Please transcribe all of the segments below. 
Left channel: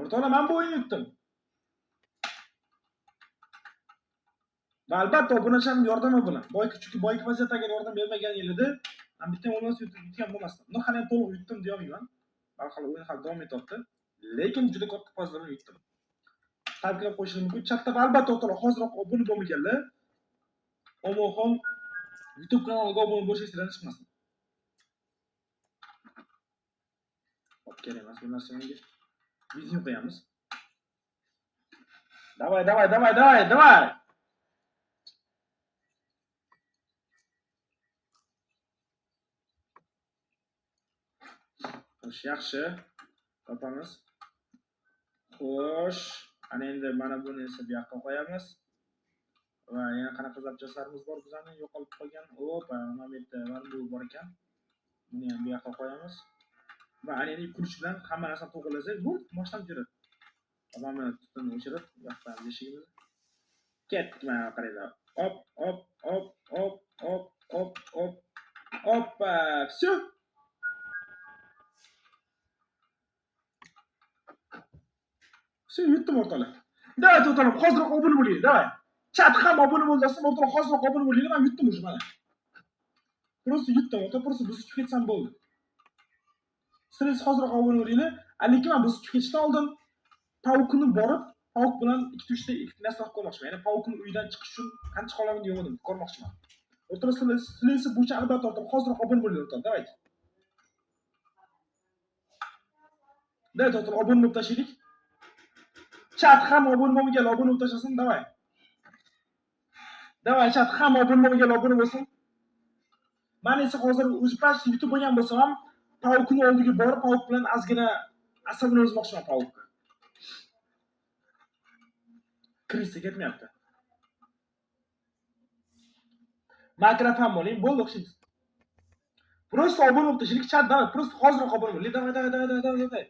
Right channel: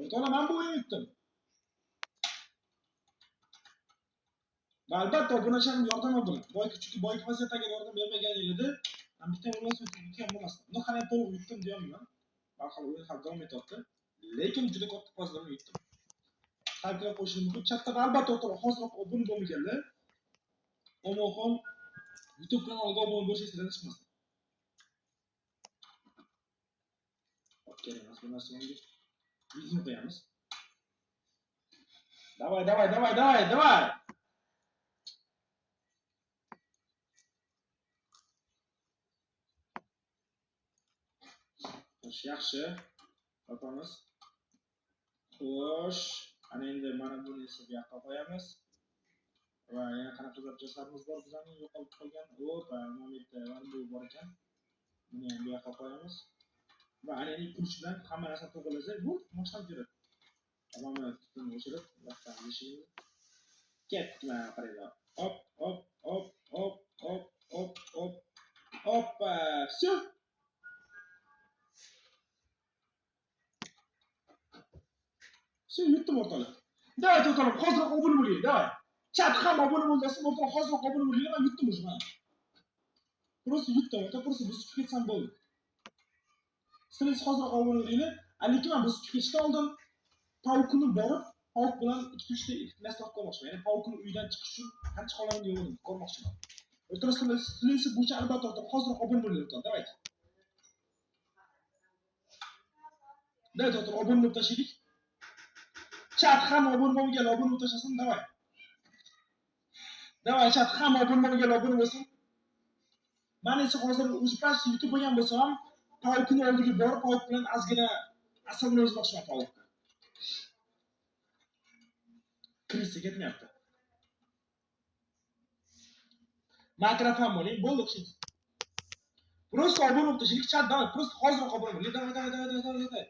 O'rtoqlar, men bu o'yinni yutdim. Va albatta obunacham yordami bilan. Chunki boyki vaziyat agar yordam bermagan edi, men bitta o'yinni yutgan bo'lmasdim. Uni hali to'liq yutdim deya olmayman. Hali o'yin hali davom etyapti. Lekin juda katta fazla bilan yutdim. Tabriklar qo'yishim mumkin. Chatda albatta o'rtoqlar hozirroq obuna bo'lmaganlar. Omoxon YouTube kanaliga obuna bo'lish istagan chiqmasin. Kerak emas bu narsani. Video qo'yamiz. Давай. Xo'sh, yaxshi. Topamiz. Xo'sh, ana endi mana buni esa bu yoqqa qo'yamiz. Va yana qanaqa zapchastlarimiz bor bizning yo'qolib qolgan. Opa, mana bu yerda mana bu bor ekan. Buni ham bu yoqqa qo'yamiz. Va ana endi kuch bilan hamma narsani to'g'rilasak, bu boshlanib yuradi. Mana tutun o'chirib, yoqdan eshigimiz. Ketma, qaranglar. Hop. Hoppa, всё. Всё, yutdim o'rtoqlar. Давай, o'rtoqlar, hozirroq obuna bo'ling, давай. Chat ham obuna bo'lsin, o'rtoqlar, hozirroq obuna bo'ling, men yutdim уже mana. Просто yutdim, o'rtoqlar, просто biz chiqib ketsam bo'ldi. Siz hozirroq obuna bo'linglar. Lekin men biz chiqib ketishdan oldin Pavukni borib, Pavuk bilan ikkita narsa qilib ko'rmoqchiman. Ya'ni Pavukni uydan chiqish uchun qancha qolamini yo'qini ko'rmoqchiman. O'rtoqlar, sizlar bo'yicha albatta o'rtoqlar hozirroq obuna bo'linglar, o'rtoqlar, давай. Давай, o'rtoqlar, obuna bo'lib tashlaylik. Chat ham obuna bo'lmagan, obuna bo'lib tashlasin, давай. Давай, chat ham obuna bo'lmagan, obuna bo'lsin. Men esa hozir o'zi past yutib bo'lgan bo'lsam ham Pavukni oldiga borib, Pavuk bilan ozgina asabini o'zmoqchiman Pavukka. Kirishsa ketmayapti. Mikrofon bo'ling, bo'ldi o'xshaydi. Просто obuna bo'lib tashlaylik, chat, давай, просто hozirroq obuna bo'ling. Давай.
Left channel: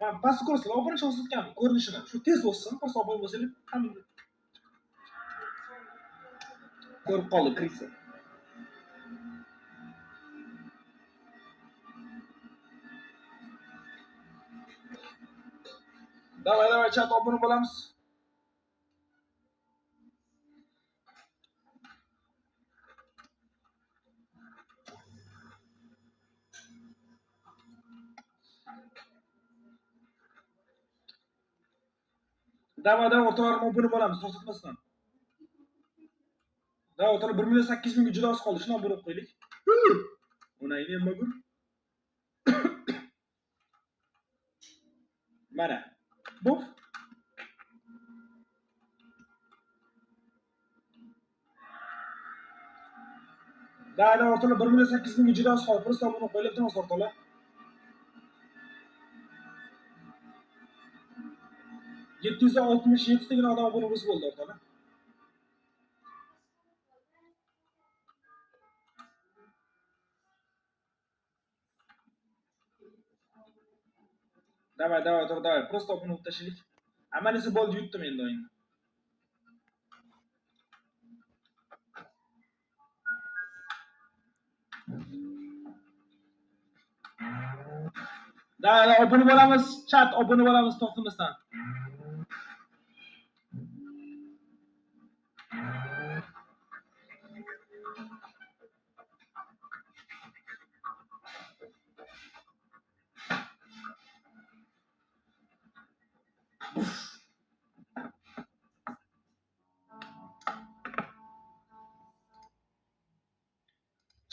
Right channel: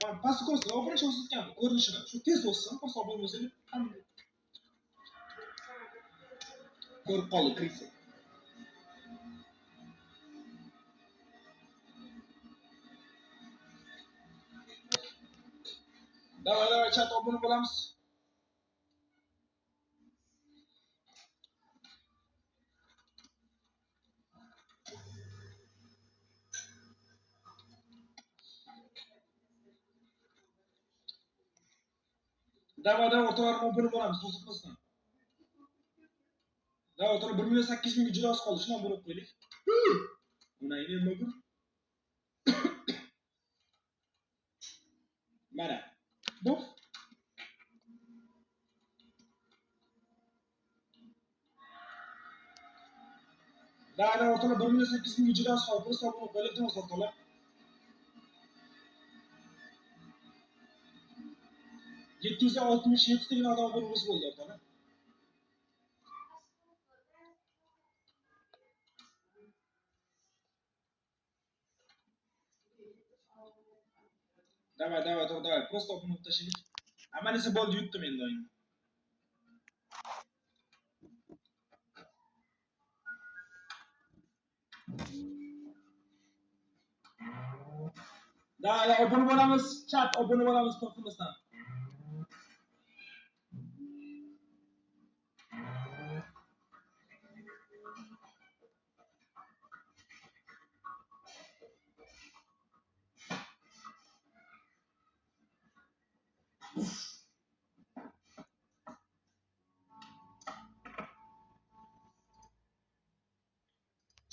Men pastga ko'rsin, obuna o'sitgan ko'rinishini. Shu tez o'ssin, просто obuna bo'lsanglar ham ko'rib qoldi, kirishsa. Давай, chat obuna bo'lamiz. Давай, o'rtoqlar, obuna bo'lamiz, to'xtatmasdan. Давай, o'rtoqlar, 1.800.000 ga juda oz qoldi. Shuni obuna qo'yaylik. Uni nima bu? Mana. Bu Davay, o'rtoqlar, 1.800.000 ga juda oz qoldi. Просто obuna qo'yaylik, o'rtoqlar. 767 tagina odam obuna bo'lsa bo'ldi, o'rtoqlar. Давай, o'rtoqlar, просто obuna bo'lib tashlaylik. Amalisi bo'ldi, yutdim endi o'yinni. Davay, obuna bo'lamiz, chat obuna bo'lamiz to'xtamasdan.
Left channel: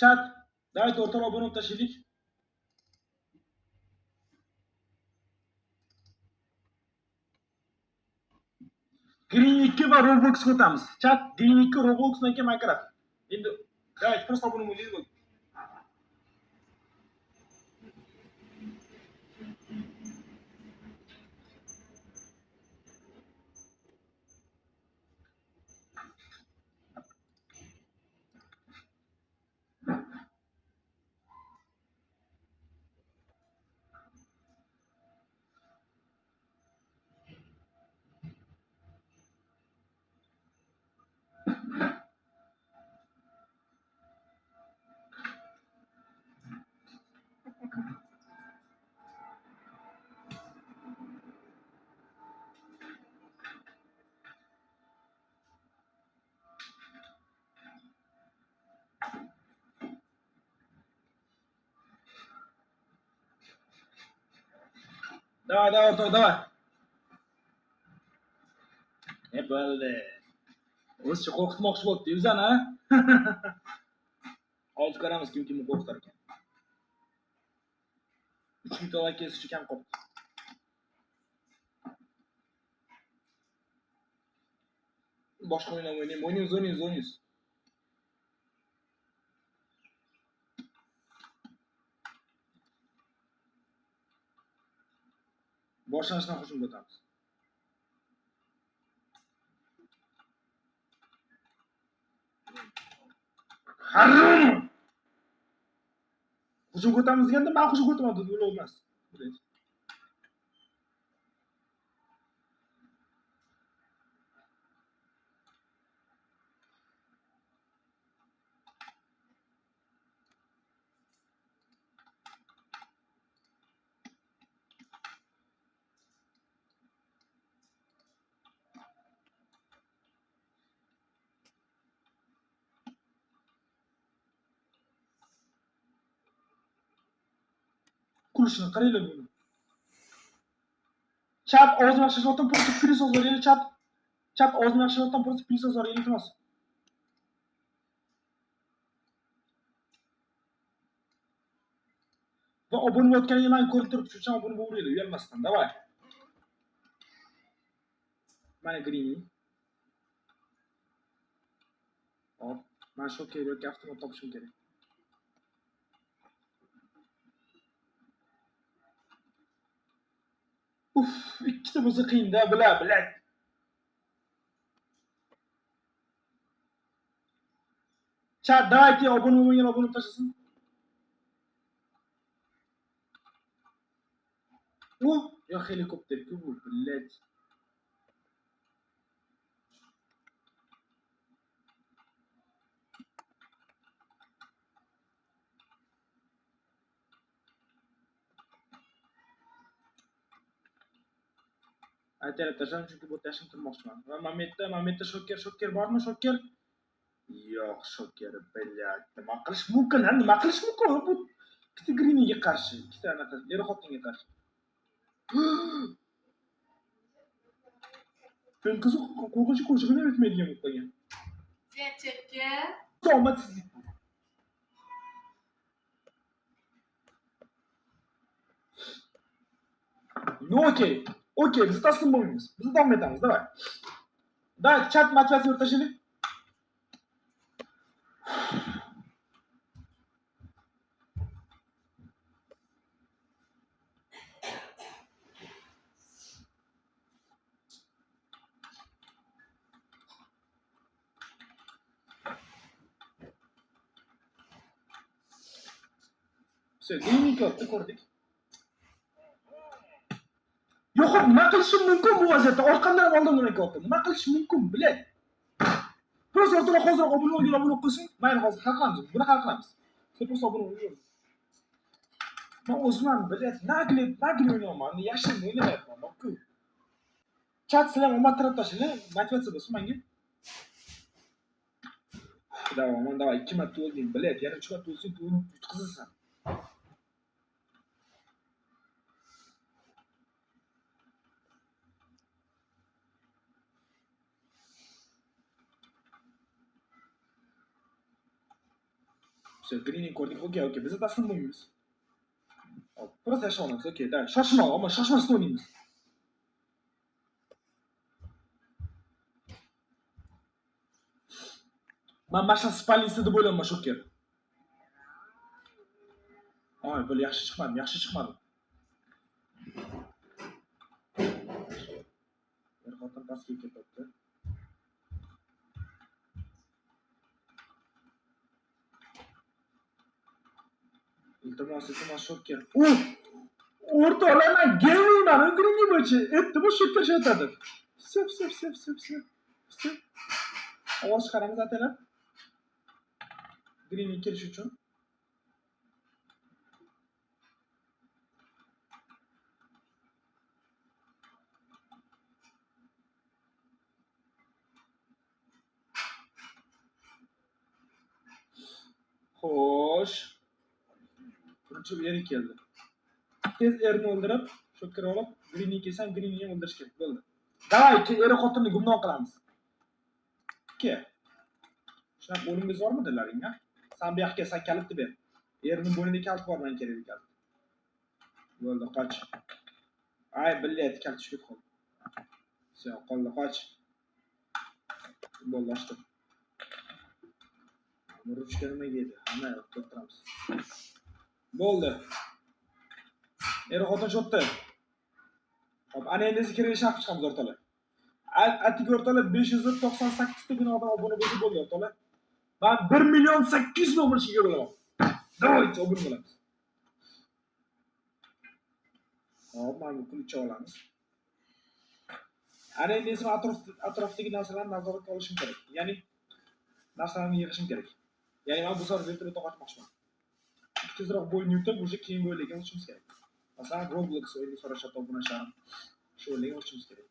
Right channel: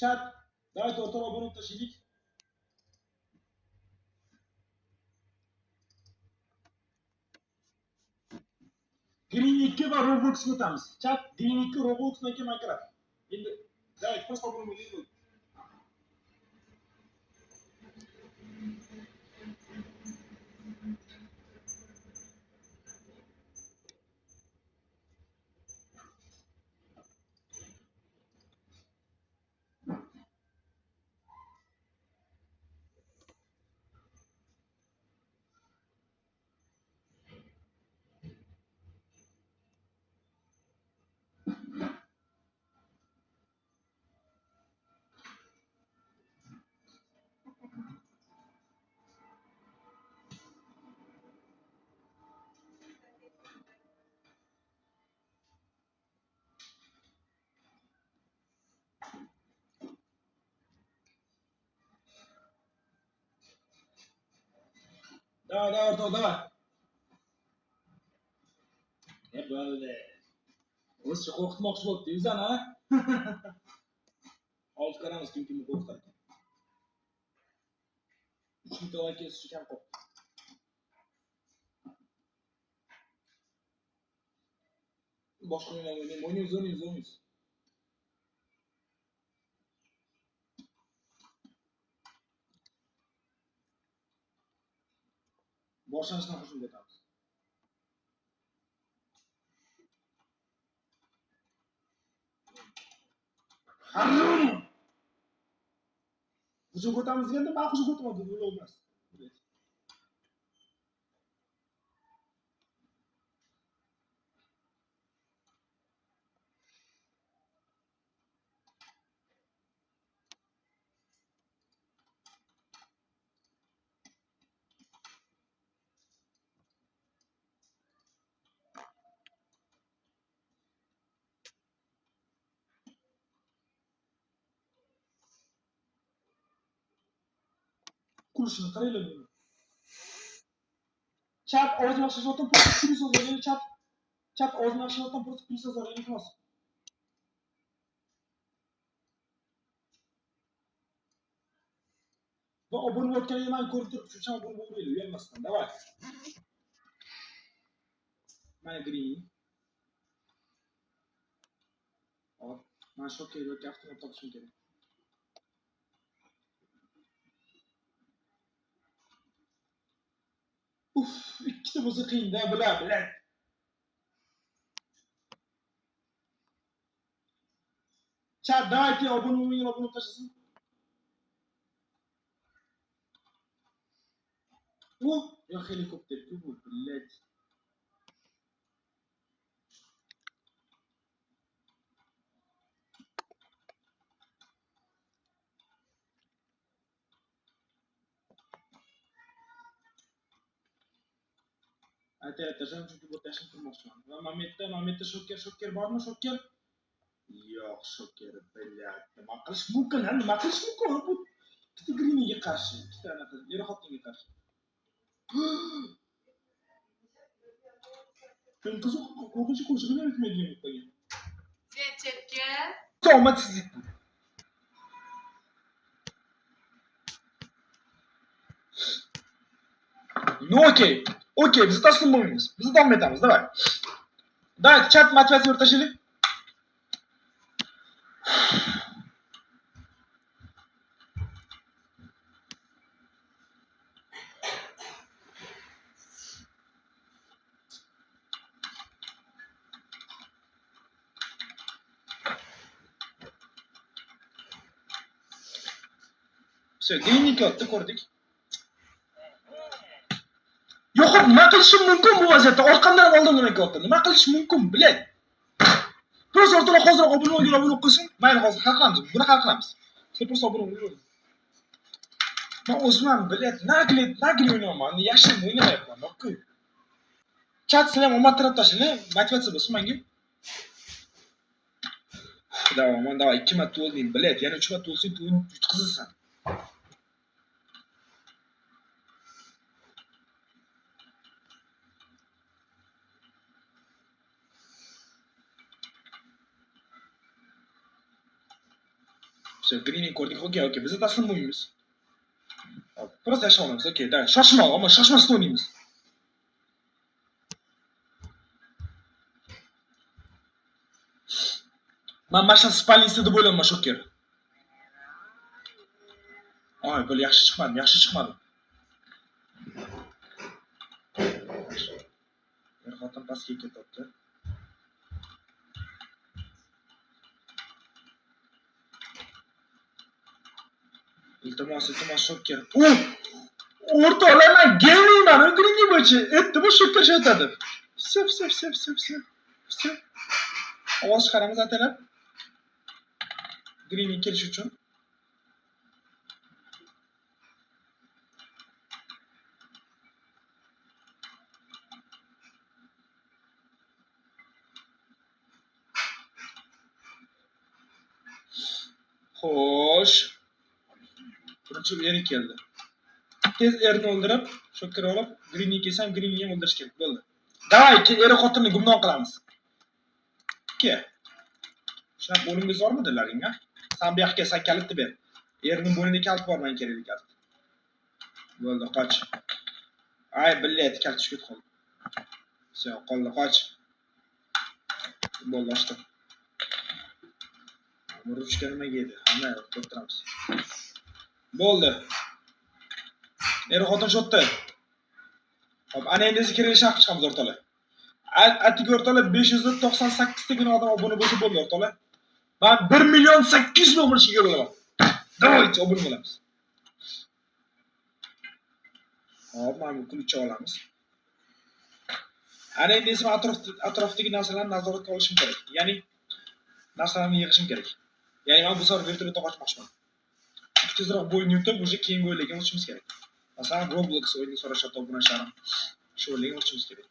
Chat, davay, o'rtoqlar, obuna bo'lib tashlaylik. Green 2 va Robloxga o'tamiz. Chat, Green 2 Robloxdan keyin Minecraft. Endi davay, просто obuna bo'ling bo'ldi. Давай, давай, o'rtoq, давай. Bo'ldi. O'zi qo'rqitmoqchi bo'libdi o'zani, ha? Hozir ko'ramiz kimni qo'rqitar ekan. 3 minut avval kesishi kam qoldi. Boshqa o'yin o'ynaymiz, o'ynaymiz. Boshlanishdan hujumga o'tamiz. Harum! Hujumga o'tamiz deganda men hujumga o'taman deb o'ylayman. Kulishini qaranglar buni. Chat og'zini yaxshilashdan просто plyus yozing, chat og'zini yaxshilashdan просто plyus yozing, iltimos. Va obuna bo'layotganingizni men ko'rib turibman, shuning uchun obuna bo'laylik, uyalmasdan. Davay. Mana Grini. Hop, men shu kerak, avtomat topishim kerak. Uf, ikkita bo'lsa qiyin-da, bilad. Chat, давайте obuna bo'lmagan obuna tashlasin. Я helikopter bu, блядь. Aytaylik tashlam chunki bu tashim turmoqchiman. Va Mametda shoker bormi, shoker? Yo'q, shoker, блядь. Nima qilish mumkin? Bu ikkita Griniga qarshi, ikkita anaqa er-xotinga qarshi. Ben qiziq qo'rqinchli qo'shig'ini aytmaydigan bo'lib qolgan. Chetga. Omadsizlik bu. Ну окей, biz taslim bo'lmaymiz. Biz davom etamiz, давай. Давай, chat motivatsiya o'rtashaylik. Все, Griniki otdi, ko'rdik. Yo'q, nima qilishim mumkin bu vaziyatda? Orqamdan oldin Griniki otdi. Nima qilishim mumkin, biladi. Просто o'rtalar hozir obuna qilsin. Mayli, hozir hal qilamiz. Buni hal qilamiz. Sen просто obuna bo'l. Men o'zim biladi, nagli o'ynayman. Yashin o'ynamayapman, yo'q-ku. Chat sizlar omad taraf tashlang, motivatsiya bo'lsin menga. Давай, 2 marta o'lding, biladi. Yana 3 marta o'lsang, yutqizasan. Все, Greening ko'rdik. Okey. Biz taslim bo'lmaymiz. Просто yashab olamiz. Okey, davay. Shoshmasdan o'ynaymiz. Men mashina spalnisi deb o'ylayman, shoker. Ay, böyle yaxshi chiqmadi. Bir xotin pastga ketibdi. Iltimos, shoker. O'rtoqlar, men gamingman, o'g'ringi bo'yicha. Aytdim, shoker aytadi. Все. Ovoz chiqaramiz atalab. Green'i kelish uchun. Xo'sh. Birinchi eri keldi. Tez erni o'ldirib, Shu kirib olib, Greenni kelsam, Greenni ham o'ldirish kerak bo'ldi. Davay, eri xotinni gumdon qilamiz. Ke. Shunaqa bo'lingiz bormi dilaringga? Sen bu yoqqa san kalitni ber. Erining bo'ynida kalit bor, men kerak ekan. Bo'ldi, qoch. Ay, billaydi, kalit tushib qoldi. Все, qoldi, qoch. Bo'ldi, ochdim. Ruchka nimaga edi? Hamma o'tiramiz. Bo'ldi. Er xotin shotdi. Hop, ana endi kirib shaq chiqamiz o'rtalar. Atigi o'rtalar 598 tagina odam obuna bo'lsa bo'ldi o'rtalar. Ben 1.800.000 umr shiga bo'laman. Davaychi obuna bo'lamiz. Hop, mana bu kulcha olamiz. Ana endi esa atrofdagi narsalarni nazoratga olishim kerak. Ya'ni narsalarni yig'ishim kerak. Ya'ni men bu safar vertolyotda qochmoqchiman. Tezroq bo'yni yutib, o'sha keyingi o'yinlarga o'tishimiz kerak. Masalan, Roblox o'yinini so'rashyapti obunachalarim. Shu o'yinlarga o'tishimiz kerak.